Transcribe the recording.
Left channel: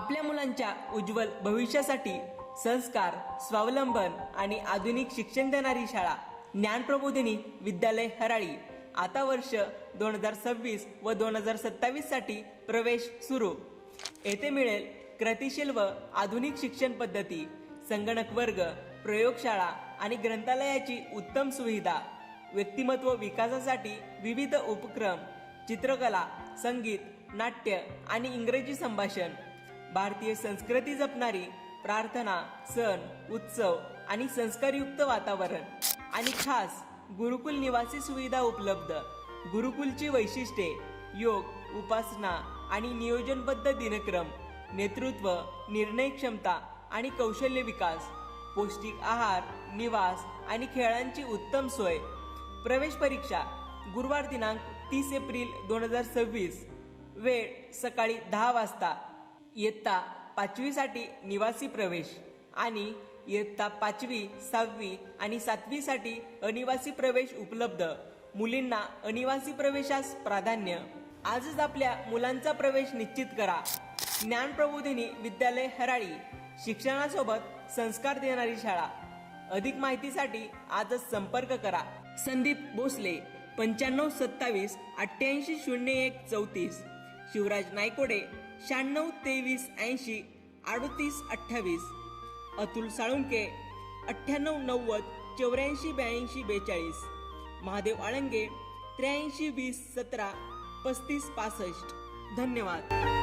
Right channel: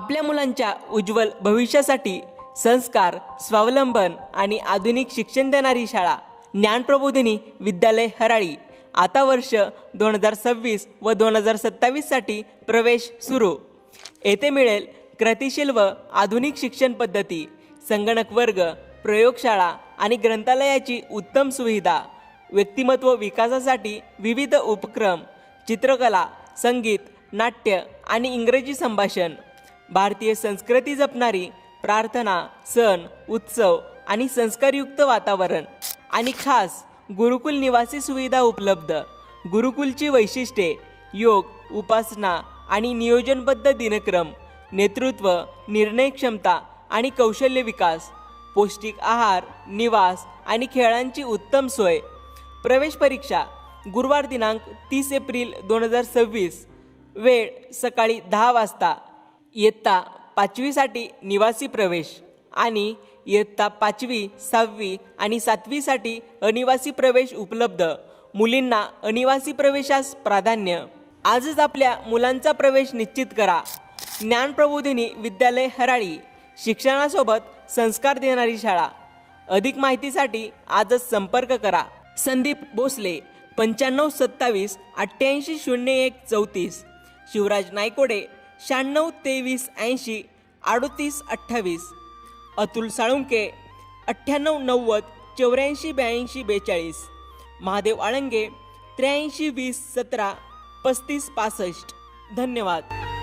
आपल्या मुलांच्या उज्ज्वल भविष्यासाठी संस्कार, स्वावलंबन आणि आधुनिक शिक्षण देणारी शाळा ज्ञानप्रबोधिनी विद्यालय हराळी आता वर्ष 2026 व 2027 साठी प्रवेश सुरू। येथे मिळेल गतिशील व आधुनिक शिक्षण पद्धती, संगणक वर्ग, प्रयोगशाळा आणि ग्रंथालयाची उत्तम सुविधा, व्यक्तिमत्व विकासासाठी विविध उपक्रम, चित्रकला, संगीत, नाट्य आणि इंग्रजी संभाषण, भारतीय संस्कृती जपणारी प्रार्थना, सण, उत्सव आणि संस्कारयुक्त वातावरण आणि खास गुरुकुल निवासी सुविधा उपलब्ध। गुरुकुलची वैशिष्ट्ये: योग, उपासना आणि नियोजनबद्ध दिनक्रम, नेतृत्व, निर्णय क्षमता आणि कौशल्य विकास, पौष्टिक आहार, निवास आणि खेळांची उत्तम सोय। प्रवेश परीक्षा गुरुवार दिनांक 30 एप्रिल 2026, वेळ सकाळी 10 वाजता। इयत्ता 5वी साठी निवासी प्रवेश आणि इयत्ता 5वी, 6वी आणि 7वी साठी अनिवासी प्रवेश उपलब्ध। मुलींना अनिवासी प्रवेशास प्राधान्य। आजच आपल्या मुलांचा प्रवेश निश्चित करा। ज्ञानप्रबोधिनी विद्यालय हराळी, शिक्षणासोबत संस्कार देणारी शाळा। अधिक माहितीसाठी आजच संपर्क करा। संदीप भोसले 95 27 88 01 34, शिवराज नायकोडे 96 23 80 38 28, अतुल साळुंके 98 90 84 82 42, महादेव आळंगे 83 20 17 35 65। धन्यवाद।